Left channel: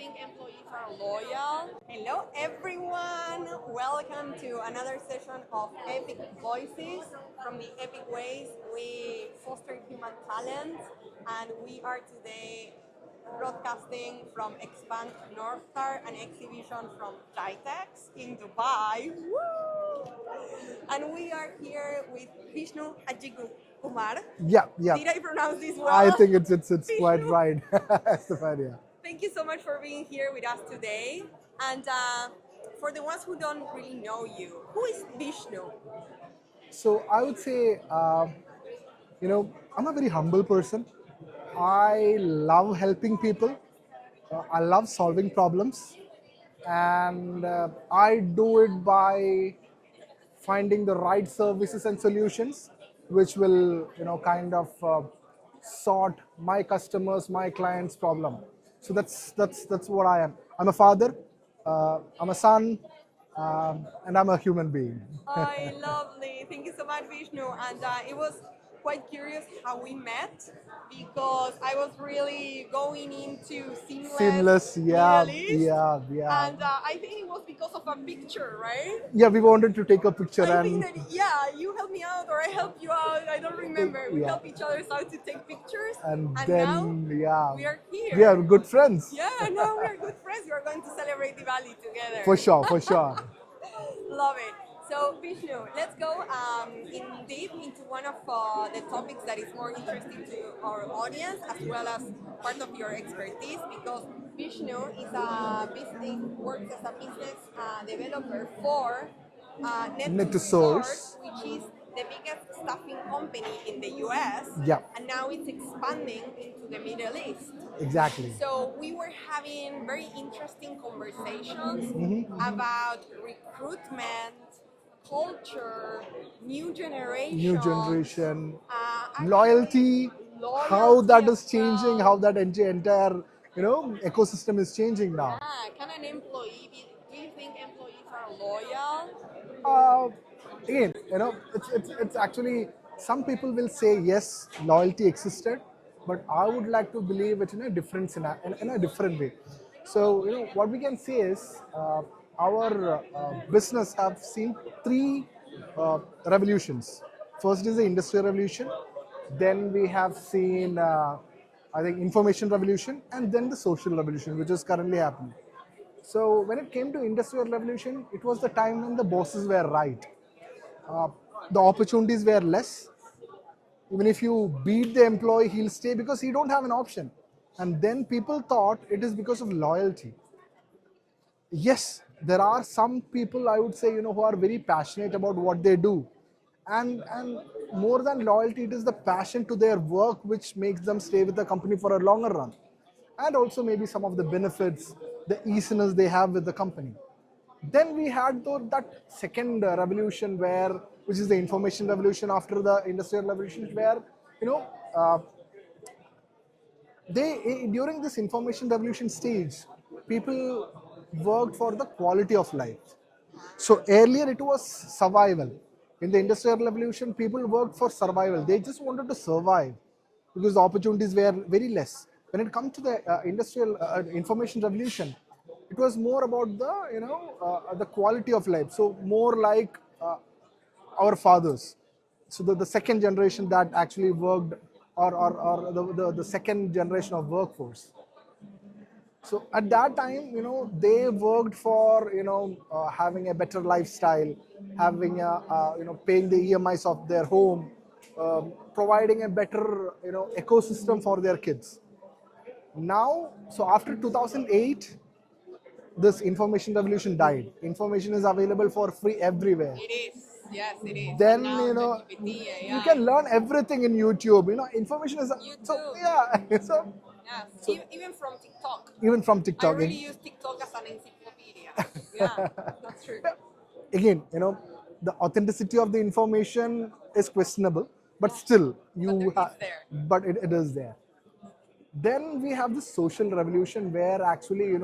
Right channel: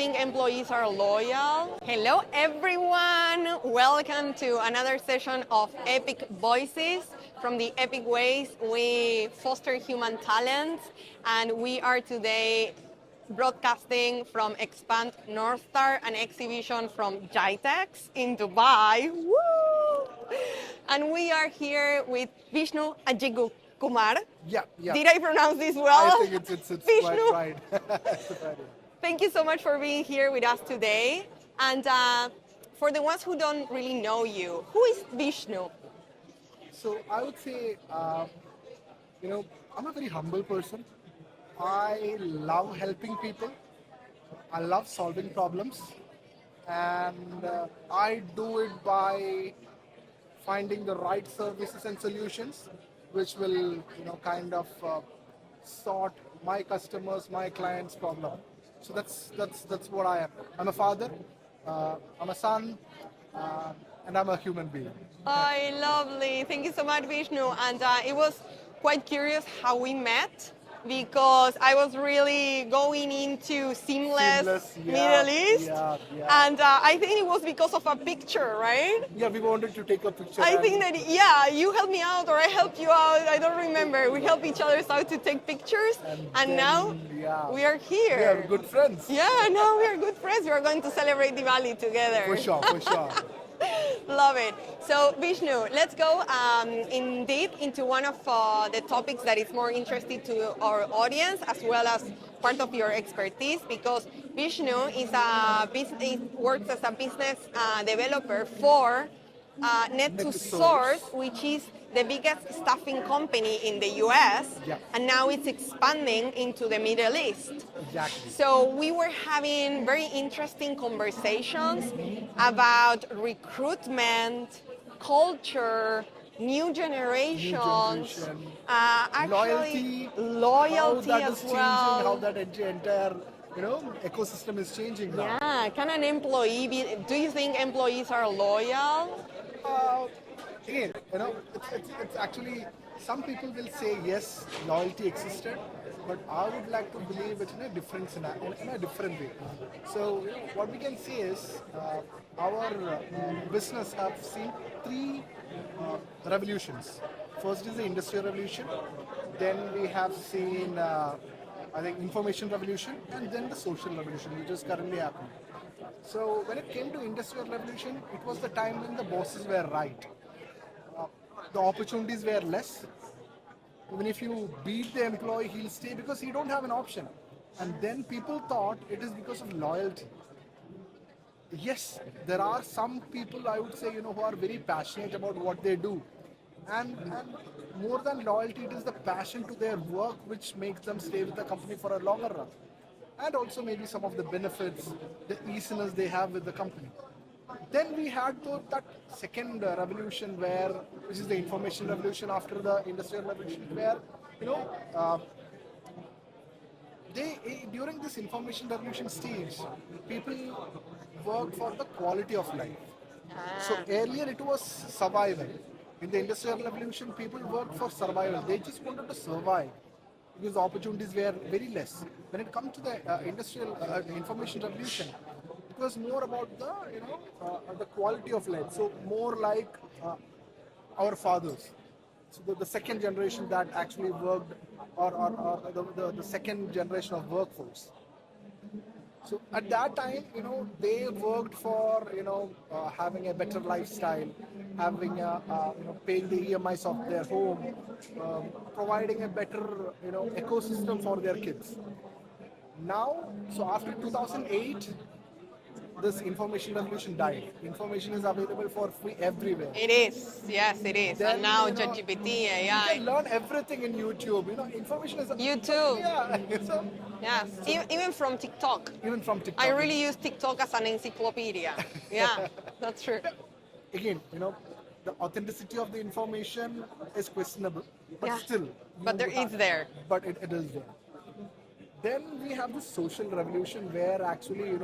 think employees are loyal? Hello, everyone. Welcome to another session of Epic Voices. From the Epic Ways, we foster human talent, and we are today broadcasting from Expand North Star, an exhibition from GITEX in Dubai. Woo! And we are here with Vishnu Agikumar. Yeah. Did I pronounce this well? I think it's quite Vishnu? right. Yeah. Thank you so much for being here with us today. And for the ones who don't really know you, who is Vishnu? So I would say, I'm a very humble person. I love helping people. I love solving problems, and I do it by finding the right services and solutions, which will, kind of sort my customers, my clients' problem. So that's what I am. I'm a father, I'm a son, and I'm a human being. Oh, lovely. Thank you so much, Vishnu. And it was quite curious how we met because I was really going into seamless Yeah, Middle East. yeah. And I think it was because of a picture, right? Yeah, we wanted to take a picture. I think that, yeah, you helped me out or I helped you out. I don't remember. We Yeah. helped each other out to take pictures. And then, now yeah, we are here. we are good friends. Yeah, now we are good friends. We are going to celebrate Diwali together. For sure. Love it. So Vishnu, let's go indeed into one of the topics that is more interesting to our audience as well as part of your expertise, because Vishnu is works as a business developer for Net2Source, which is the biggest staffing company in the US, Yeah. and now it's expanding into the Middle East. Exactly. So we were having very interesting conversations about recruitment, culture, new generation, Loyalty, how that is as changing, well. how that entire ecosystem is changing now. Yeah, can an employee be? Do you think employees are loyal? Again, it's actually, some people will say yes, loyalty existed, but I would like to believe it in a different in a different way. So what we can say is our business have seen three revolutions. First is the industrial revolution, then we have seen I think information revolution, and then the social revolution, which is currently happening. So when it came to industrial revolution, it was the time when the bosses were right. The opportunities were less. Even if you beat the employee, he'll stay because he don't have an option. And then people thought it is because of loyalty. Yes, there are some people, I would say, who are very passionate about what they do. And more than loyalty, it is the passion to their work which makes them stay with the company for a longer run. And also maybe some of the benefits, the easiness they have with the company. Then we had that second revolution which is the information revolution after the industrial revolution, where, during this information revolution stage, people worked for the quality of life. So earlier it was survival. In the industrial revolution, people worked for survival. They just wanted to survive because the opportunities were very less. When it comes to the industrial information revolution, it was more about the quality of life. So more like our fathers. So the second generation that actually worked, or the second generation of workforce. So at that time, they worked for having a better lifestyle, having paying the EMIs of their home, providing a better ecosystem for their kids. Now, so after 2008, this information revolution died. Information is available for free everywhere. It is, yes, it is. Then, and now ChatGPT, AI. You can learn everything in YouTube. Information is YouTube. So, yeah. So, yes, even from TikTok. Even from TikTok. I really use TikTok as an encyclopedia. Yeah, that's true. Again, the authenticity of the information is questionable, but still, But it's there. But it is there. Then we have the social revolution where actually,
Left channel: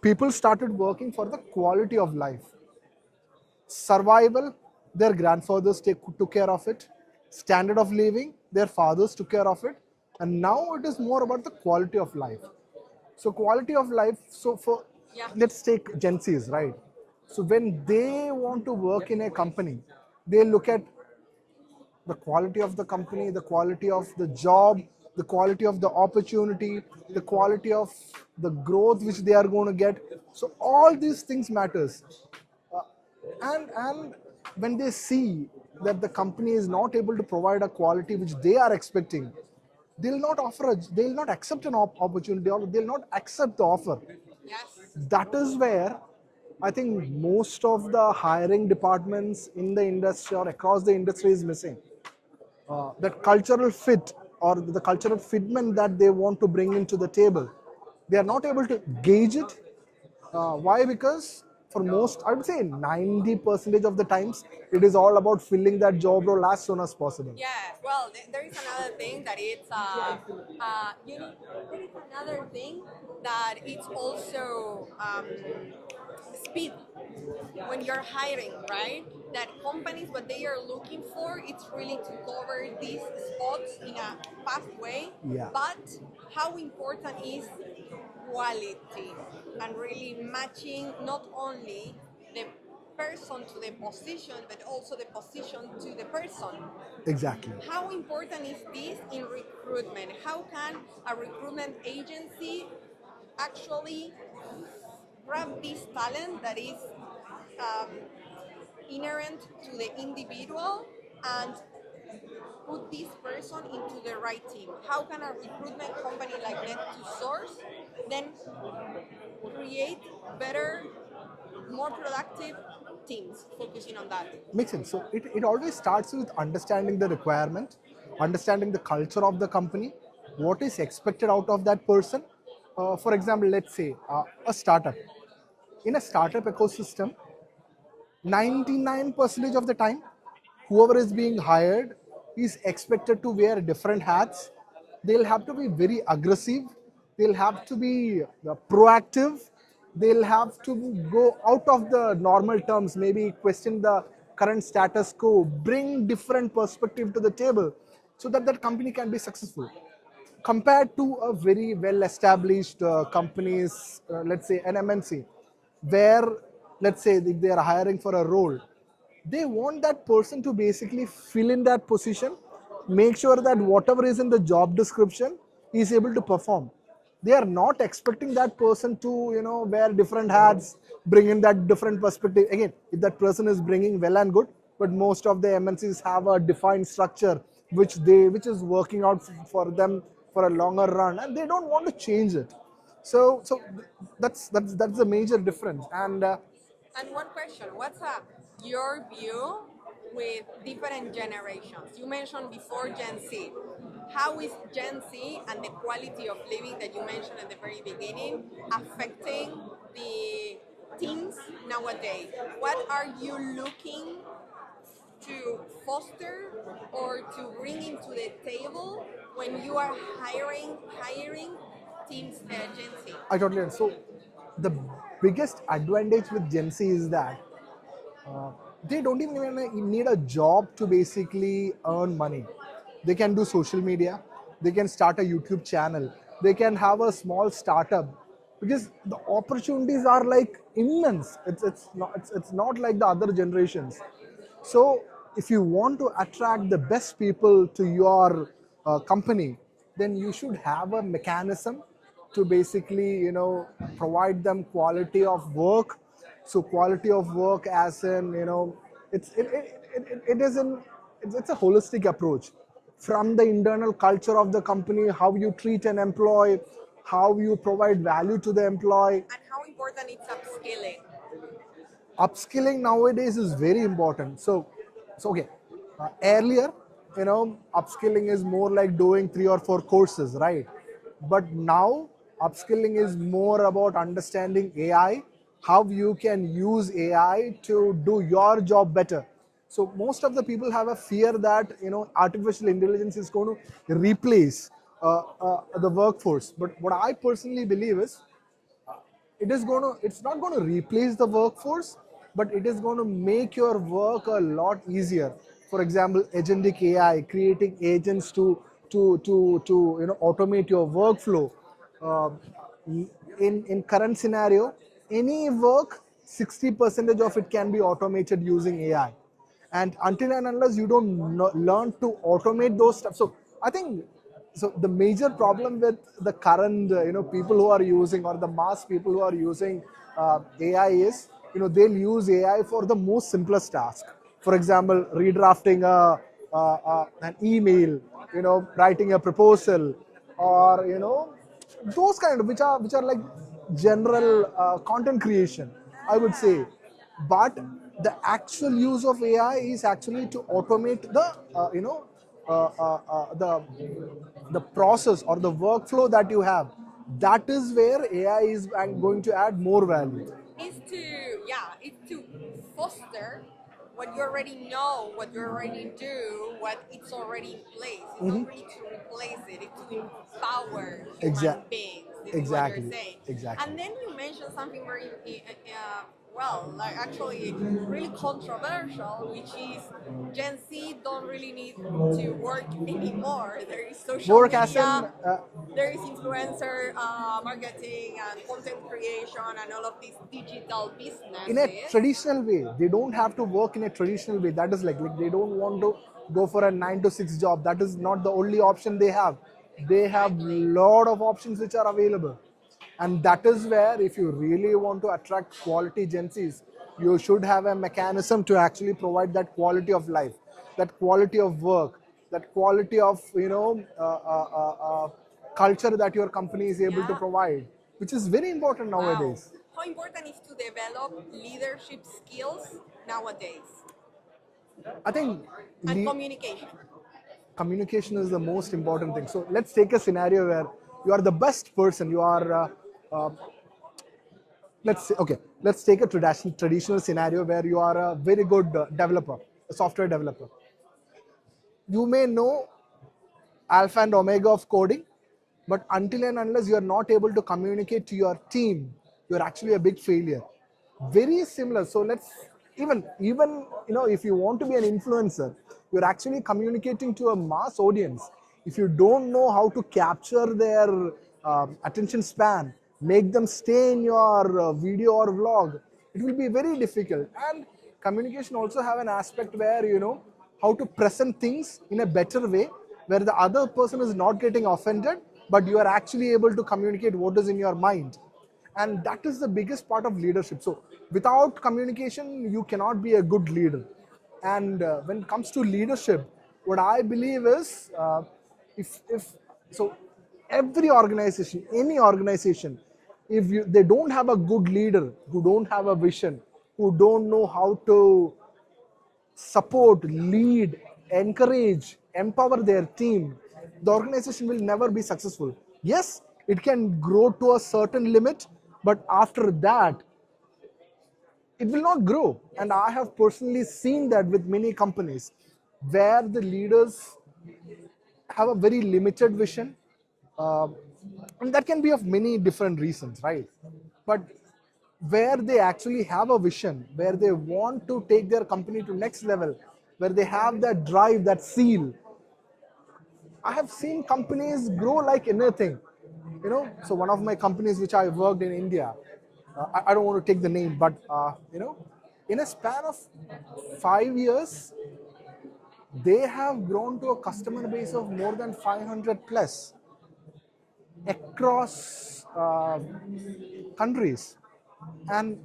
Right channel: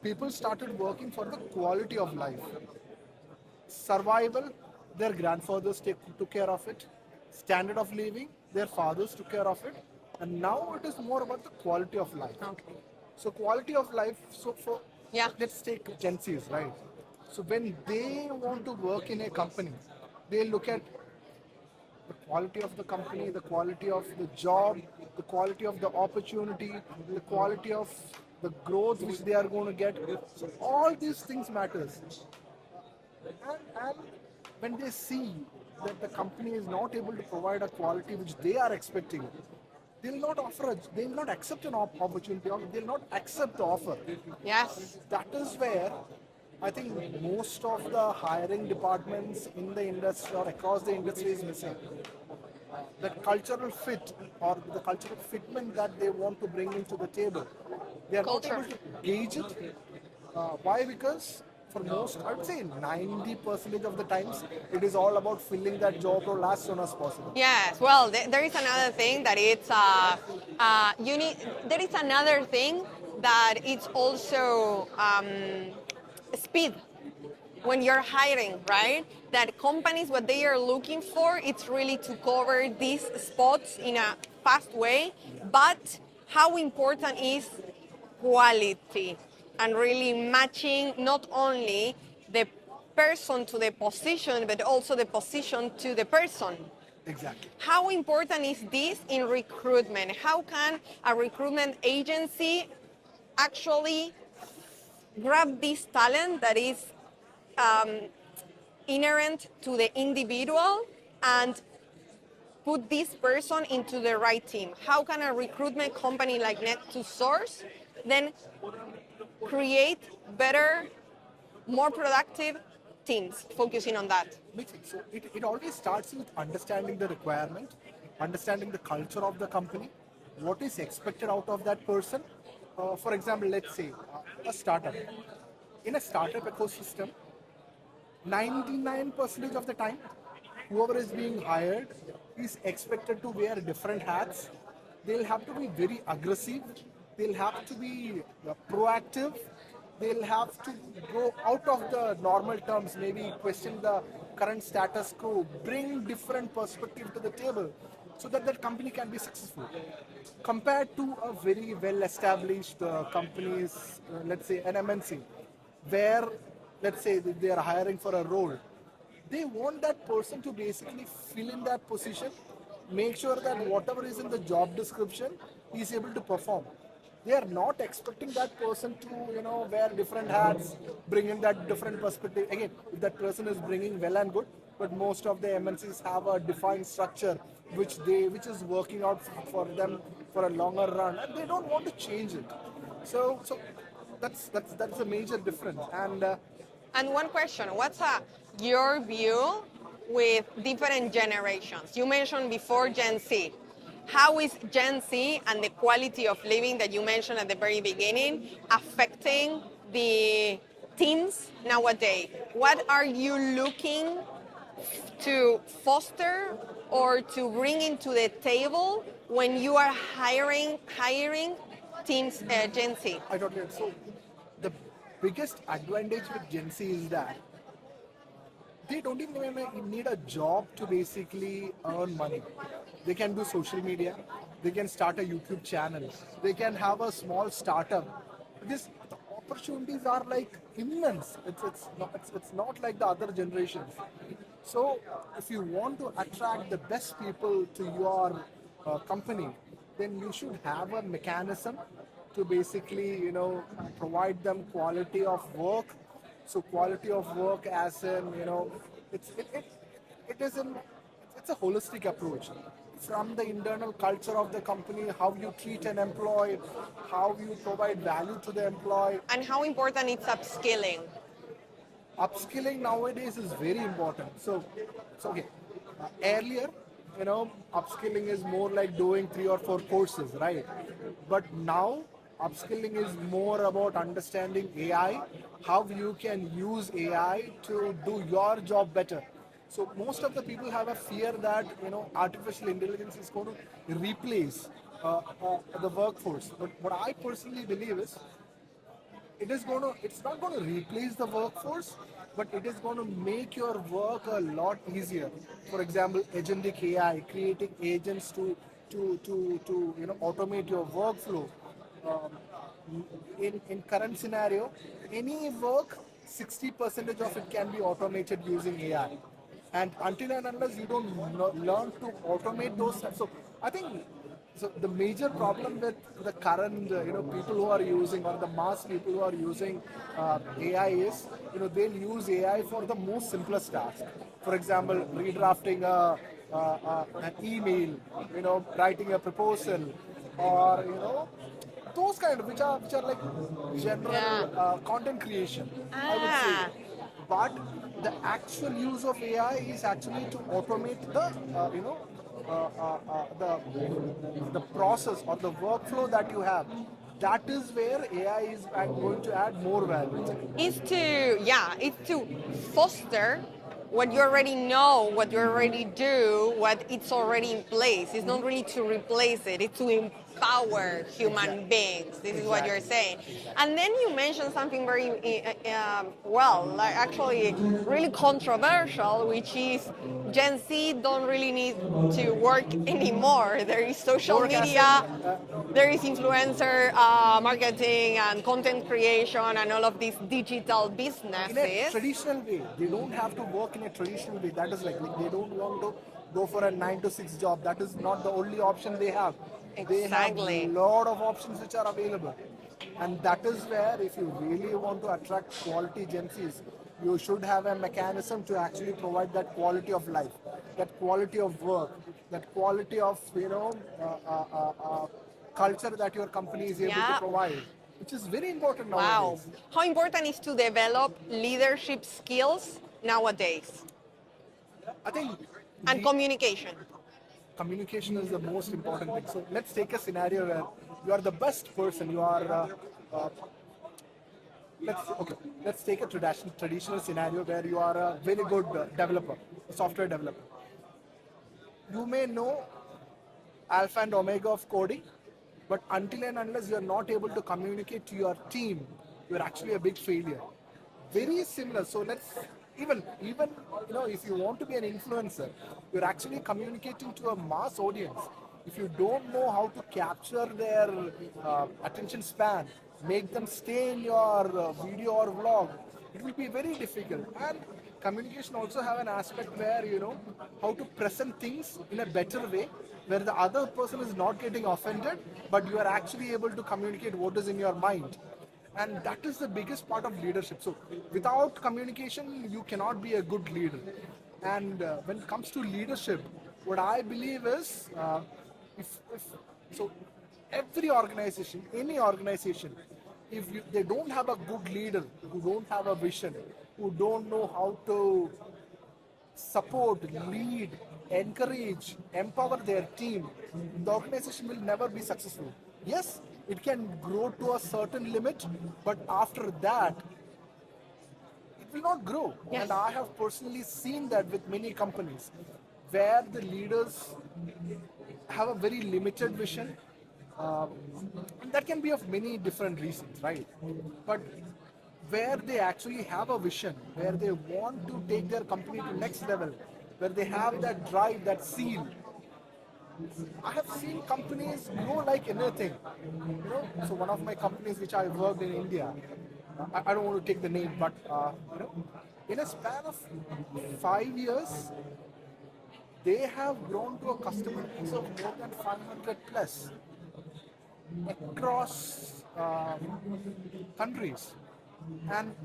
people started working for the quality of life. Survival, their grandfathers took care of it. Standard of living, their fathers took care of it. And now it is more about the quality of life. Okay. So quality of life. So for Yeah. let's take Gen Zs, right? So when they want to work in a company, they look at the quality of the company, the quality of the job, the quality of the opportunity, the quality of the growth which they are going to get. So all these things matters. Uh, and when they see that the company is not able to provide a quality which they are expecting, they'll not accept an opportunity, or they'll not accept the offer. Yes. That is where I think most of the hiring departments in the industry or across the industry is missing. That cultural fit or the cultural fitment that they want to bring into the table, they are not Culture. able to gauge it. Why? Because for most, I would say 90% of the times, it is all about filling that job role as soon as possible. Yes, well, there is another thing that it's you need. There is another thing that it's also speed when you're hiring, right? That companies what they are looking for it's really to cover these spots in a fast way. Yeah. But how important is quality and really matching not only the person to the position but also the position to the person. Exactly. How important is this in recruitment? How can a recruitment agency actually grab this talent that is um, inherent to the individual and put this person into the right team? How can a recruitment company like Net2Source then create better, more productive teams focusing on that? Makes sense. So it always starts with understanding the requirement, understanding the culture of the company, what is expected out of that person. For example, let's say a startup. In a startup ecosystem, 99% of the time, whoever is being hired is expected to wear different hats. They'll have to be very aggressive. They'll have to be proactive. They'll have to go out of the normal terms, maybe question the current status quo, bring different perspective to the table so that that company can be successful compared to a very well established companies, let's say an MNC, where let's say if they are hiring for a role, they want that person to basically fill in that position, make sure that whatever is in the job description is able to perform. They are not expecting that person to wear different hats, bring in that different perspective. Again, if that person is bringing well and good, but most of the MNCs have a defined structure which is working out for them for a longer run, and they don't want to change it. So that's a major difference. And one question, what's your view with different generations? You mentioned before Gen Z. How is Gen Z and the quality of living that you mentioned at the very beginning affecting the teens nowadays? What are you looking to foster or to bring into the table when you are hiring teams Gen Z? I totally agree. So the biggest advantage with Gen Z is that uh, they don't even need a job to basically earn money. They can do social media, they can start a YouTube channel, they can have a small startup because the opportunities are like immense. It's not like the other generations. So if you want to attract the best people to your company, then you should have a mechanism to basically provide them quality of work. So quality of work as in it's it is in it's a holistic approach from the internal culture of the company, how you treat an employee, how you provide value to the employee. And how important is upskilling? Upskilling nowadays is very important. So okay, earlier, upskilling is more like doing 3 or 4 courses, right? But now, upskilling is more about understanding AI, how you can use AI to do your job better. So most of the people have a fear that artificial intelligence is going to replace the workforce. But what I personally believe is it's not going to replace the workforce, but it is going to make your work a lot easier. For example, agentic AI, creating agents to automate your workflow. uh, in current scenario, any work, 60% of it can be automated using AI. And until and unless you don't learn to automate those stuff, so I think so the major problem with the current people who are using, or the mass people who are using AI is, they'll use AI for the most simplest task. For example, redrafting an email, writing a proposal, or those kind of, which are like general Yeah. content creation, I would say. Ah. But the actual use of AI is actually to automate the the process or the workflow that you have. That is where AI is going to add more value. It's to foster what you already know, what you already do, what it's already in place. It's not really to replace it, it's to empower human beings. This is what you're Exactly, saying. exactly. And then you mentioned something very well, like actually really controversial, which is Gen Z don't really need to work anymore. There is social More as media, in, there is influencer marketing and content creation and all of these digital in a businesses. traditional way. They don't have to work in a traditional way. That is like they don't want to go for a 9 to 6 job. That is not the only option they have. They have Exactly. lot of options which are available, and that is where, if you really want to attract quality Gen Zs, you should have a mechanism to actually provide that quality of life, that quality of work, that quality of culture that your company is able to Yeah. provide, which is very important Wow. nowadays. How important is to develop leadership skills nowadays I think and communication? communication is the most important thing. So let's take a scenario where you are the best person. You are, let's say, okay, let's take a traditional scenario where you are a very good developer, a software developer. You may know alpha and omega of coding, but until and unless you are not able to communicate to your team, you're actually a big failure. Very similar. So let's even if you want to be an influencer, you're actually communicating to a mass audience. If you don't know how to capture their attention span, make them stay in your video or vlog, it will be very difficult. And communication also have an aspect where how to present things in a better way, where the other person is not getting offended, but you are actually able to communicate what is in your mind. And that is the biggest part of leadership. So without communication, you cannot be a good leader. And when it comes to leadership, what I believe is, if so every organization, any organization, if they don't have a good leader who don't have a vision, who don't know how to support, lead, encourage, empower their team, the organization will never be successful. Yes, it can grow to a certain limit, but after that, it will not grow. Yes. And I have personally seen that with many companies where the leaders have a very limited vision, uh, and that can be of many different reasons, right? But where they actually have a vision, where they want to take their company to next level, where they have that drive, that zeal, I have seen companies grow like anything. So one of my companies which I worked in India, I don't want to take the name, but in a span of 5 years, they have grown to a customer base of more than 500 plus across countries. And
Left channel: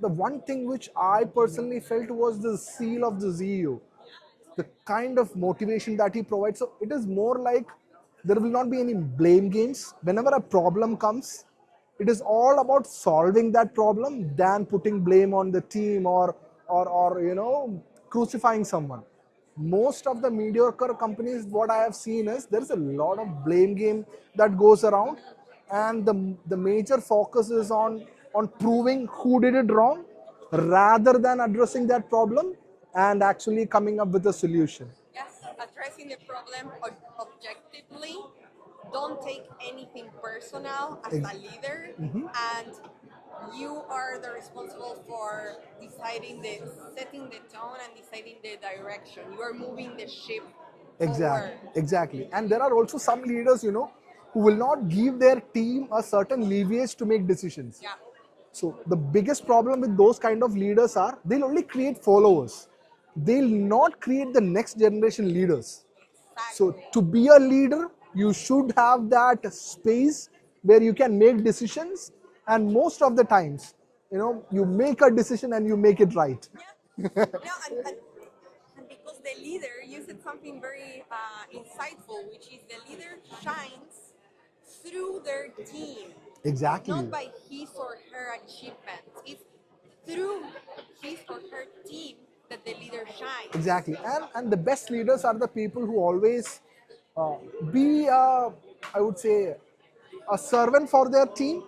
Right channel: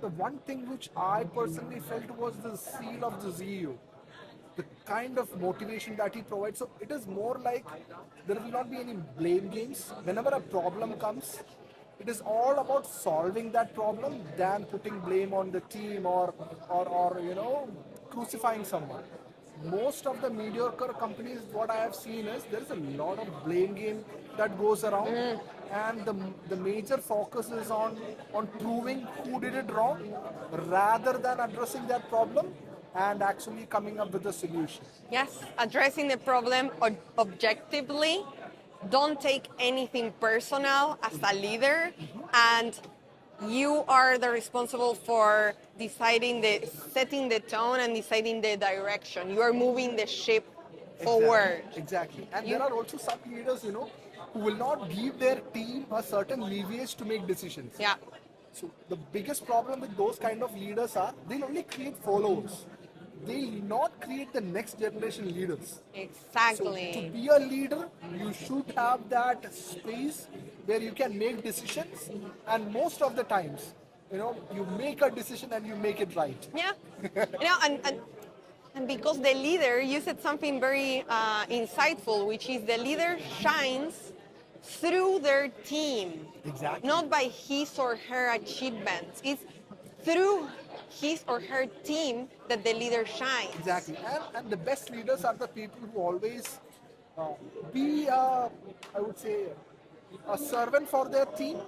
the one thing which I personally felt was the seal of the CEO, the kind of motivation that he provides. So it is more like there will not be any blame games. Whenever a problem comes, it is all about solving that problem than putting blame on the team, or crucifying someone. Most of the mediocre companies, what I have seen is there is a lot of blame game that goes around, and the major focus is on proving who did it wrong rather than addressing that problem and actually coming up with a solution. Yes, addressing the problem objectively. Don't take anything personal as a leader, and you are the responsible for setting the tone and deciding the direction. You are moving the ship Exactly, forward. exactly. And You, there are also some leaders, who will not give their team a certain leverage to make decisions. Yeah. So the biggest problem with those kind of leaders are they'll only create followers. They'll not create the next generation leaders. So Exactly. to be a leader, you should have that space where you can make decisions, and most of the times, you make a decision and you make it right. Yeah. And because the leader, you said something very insightful, which is the leader shines through their team. Exactly. Not by his or her achievements. It's through his or her team that the leader shines. Exactly. And the best leaders are the people who always be, I would say, a servant for their team,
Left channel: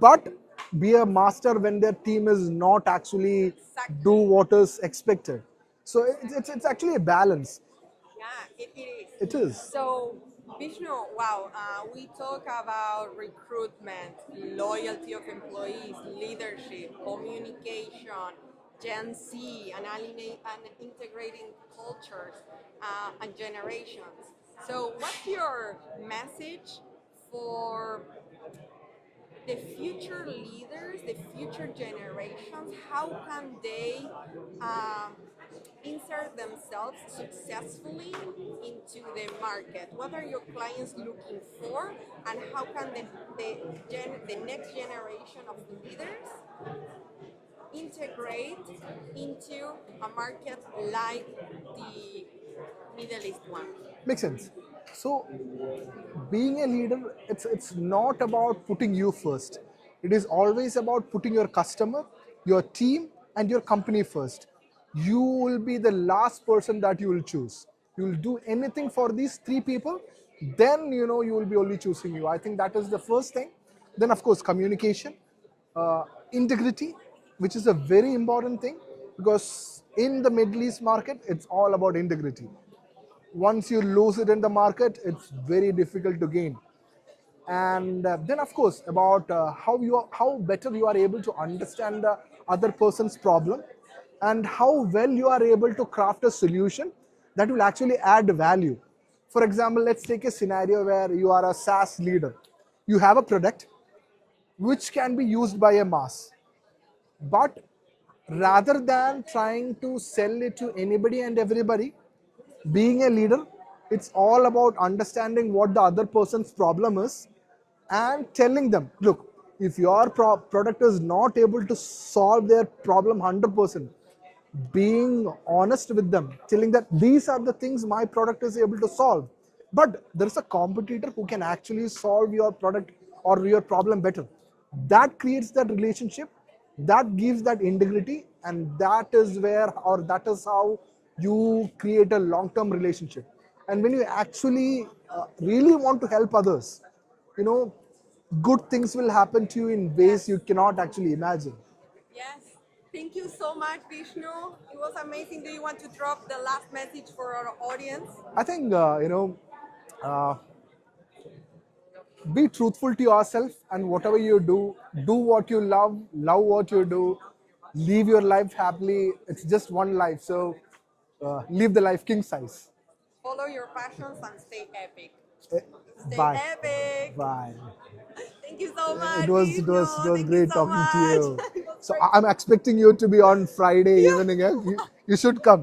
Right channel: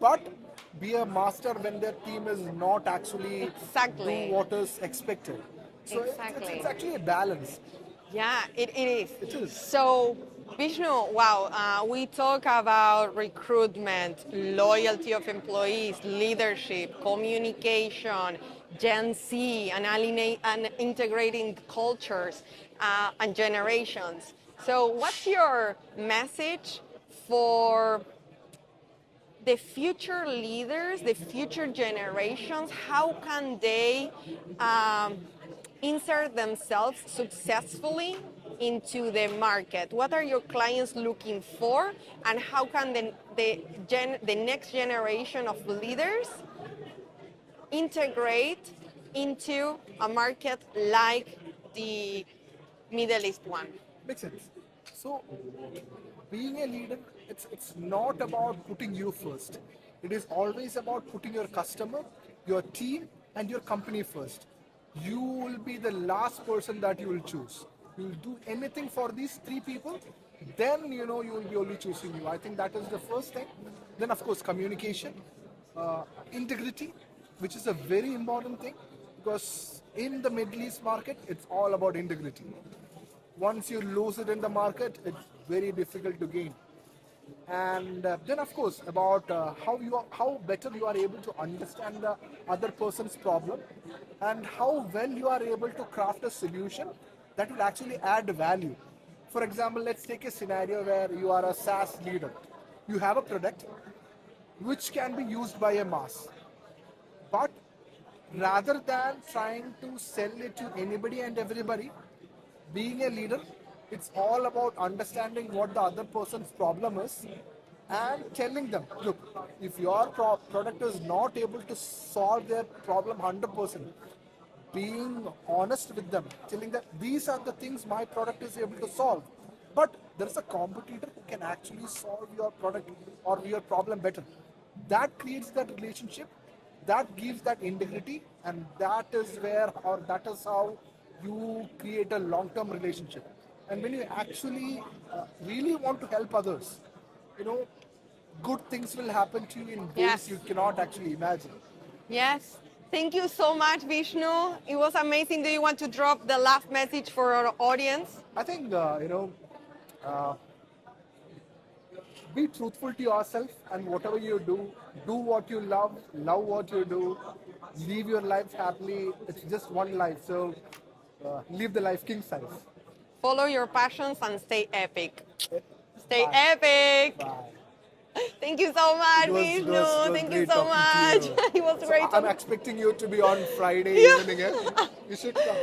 but be a master when their team is not actually Exactly. do what is expected. So Exactly. it's actually a balance. Yeah, it is. It is. So, Vishnu, wow, we talk about recruitment, loyalty of employees, leadership, communication, Gen Z, and integrating cultures and generations. So, what's your message for the future leaders, the future generations? How can they insert themselves successfully into the market? What are your clients looking for, and how can the next generation of leaders integrate into a market like the Middle East one? Makes sense. So being a leader, it's not about putting you first. It is always about putting your customer, your team, and your company first. You will be the last person that you will choose. You will do anything for these three people, then you will be only choosing you. I think that is the first thing. Then of course communication, integrity, which is a very important thing, because in the Middle East market, it's all about integrity. Once you lose it in the market, it's very difficult to gain. And then of course about how better you are able to understand the other person's problem, and how well you are able to craft a solution that will actually add value. For example, let's take a scenario where you are a SaaS leader. You have a product which can be used by a mass, but rather than trying to sell it to anybody and everybody, being a leader, it's all about understanding what the other person's problem is and telling them, look, if your product is not able to solve their problem 100%, being honest with them, telling that these are the things my product is able to solve, but there's a competitor who can actually solve your product or your problem better. That creates that relationship, that gives that integrity, and that is where, or that is how you create a long-term relationship. And when you actually really want to help others, good things will happen to you in ways Yes. you cannot actually imagine. Yes. Thank you so much, Vishnu. It was amazing. Do you want to drop the last message for our audience? I think, uh, be truthful to yourself, and whatever you do what you love what you do, live your life happily. It's just one life, so live the life king size. Follow your passions and stay epic. Eh, Stay Bye. epic. Bye. Thank you so much, It was Vishnu. Thank you great so talking to much. you. It was So great. I'm expecting you to be on Friday evening. You should come.